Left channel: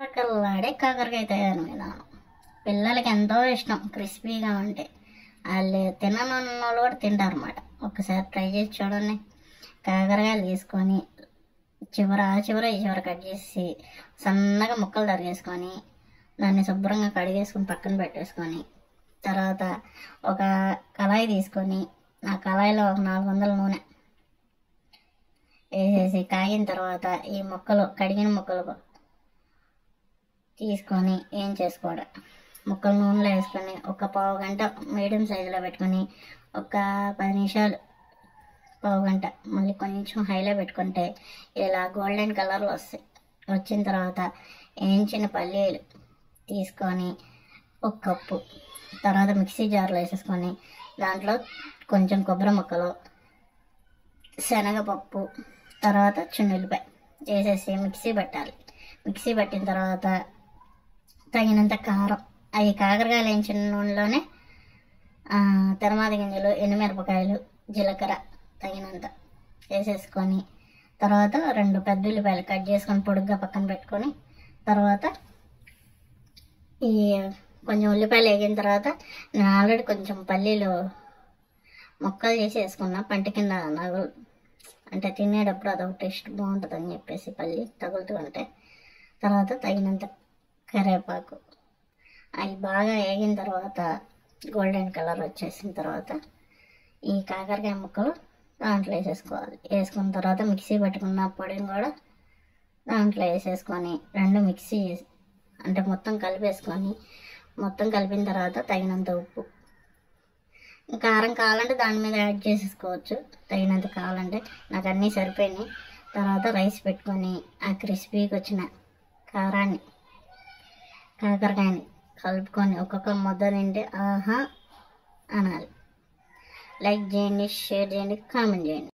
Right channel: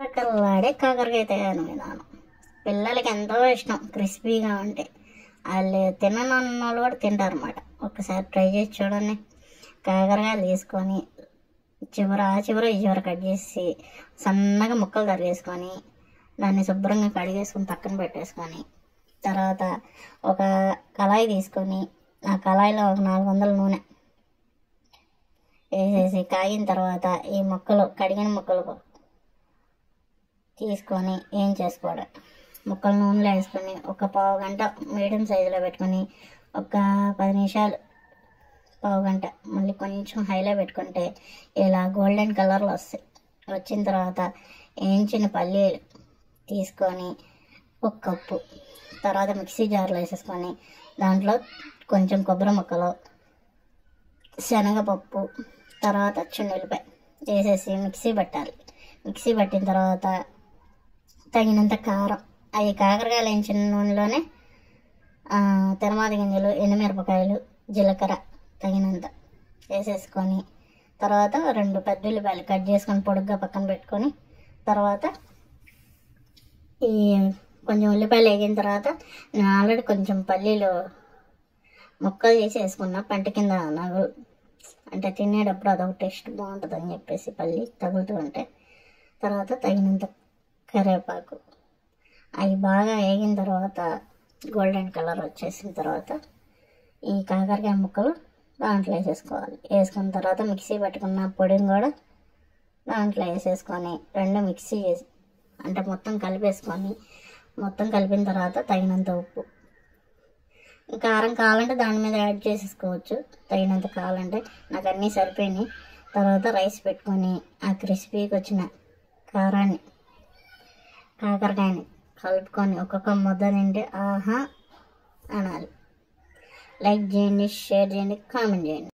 కల్లాడే కాకరకాయ తయారు విధానం పిల్లలకి ఎంతో ఇష్టం. క్రిస్పీగా ఉంటే వాళ్ళు తినని వాళ్ళు కూడా తింటారు అన్నమాట. ఒకసారి ట్రై చేసి చూడండి. కాకరకాయలు తీసుకొని ఆ చివర ఈ చివర కట్ చేసి సన్నగా ముక్కలు తరిగేసుకొని దాన్ని శుభ్రంగా కడిగేసుకొని పక్కన పెట్టేసుకొని తర్వాత ఒక కళాయి తీసుకొని ఆ కళాయిలో ఒక 400 నూనె వేసేసి కాగిన తర్వాత ఈ ముక్కలు కడిగిన ముక్కలు తీసుకొని ఏం చేసుకోవడం, ముక్కలు నూనెలో వేసుకొని ఒక పావు గంట మీడియం సైజులో పెట్టుకొని ఒక 10 నిమిషాలు పావు గంట మళ్ళీ కొంచెం హైలో పెట్టుకుంటే ఇలా గోల్డెన్ కలర్లో వస్తాయి. వచ్చిన తర్వాత వేయించిన పల్లీలు తీసుకొని ఒక కప్పు తర్వాత మిక్సీ జార్లో వేసేసుకొని దాంట్లో కొంచెం కొబ్బరి ముక్కలు, శనగపప్పు, తర్వాత చున్నులపై వేసేసి మిక్సీ పెట్టాలి. మిక్సీ పెట్టిన తర్వాత తగినంత కారం, అవి కాకరకాయలు వేయించిన నూనెలోనే తెరమాది గింజలు, ఎండుమిరపకాయలు, జీలకర్ర తగినంత వేసేసుకొని తర్వాత 2 పెద్ద ఉల్లిపాయలు కట్ చేసుకొని పొడుగ్గా పక్కన పెట్టుకొని తర్వాత ఈ కొంచెం ఉల్లిపాయలు వేగిన తర్వాత నేను ఆల్రెడీ కొంచెం పల్లీలు ముక్కలు చేసి వేసుకున్నా. పంట కింద నగలు అంటే తినేటప్పుడు అదొక టేస్ట్ బాగుంటుంది అని చెప్పేసి పల్లి తగులుతూ ఉంటే తర్వాత తగినంత కరివేపాకు అవి బాగా వేగిన తర్వాత గోల్డెన్ కలర్ వచ్చేసిన తర్వాత ఈ కాకరకాయ ముక్కలు దాంట్లో వేసేసుకోవాలి. వేసుకున్న తర్వాత మిక్సీ పట్టుకున్న పొడిని కూడా దాంట్లో వేసేసుకొని 2 మిక్సీ చేసి అంటే మొత్తం కలిపేసుకొని మొత్తం కలిపిన తర్వాత తగినంత ఉప్పు, కారం కావాలంటే దాని మీద యాడ్ చేసేసుకోవచ్చు. తగినంత కావాలంటే నాకు అన్నీ సరిపోయినాయి. తర్వాత రైస్ పెట్టుకొని ఆ క్రిస్పీకి వచ్చిన కారాన్ని కాకరకాయని కలుపుకొని ఒక్కొక్క ముద్ద తింటే ఆహా అనాలి. లైక్ చేయండి, షేర్ చేయండి, కామెంట్ చేయండి.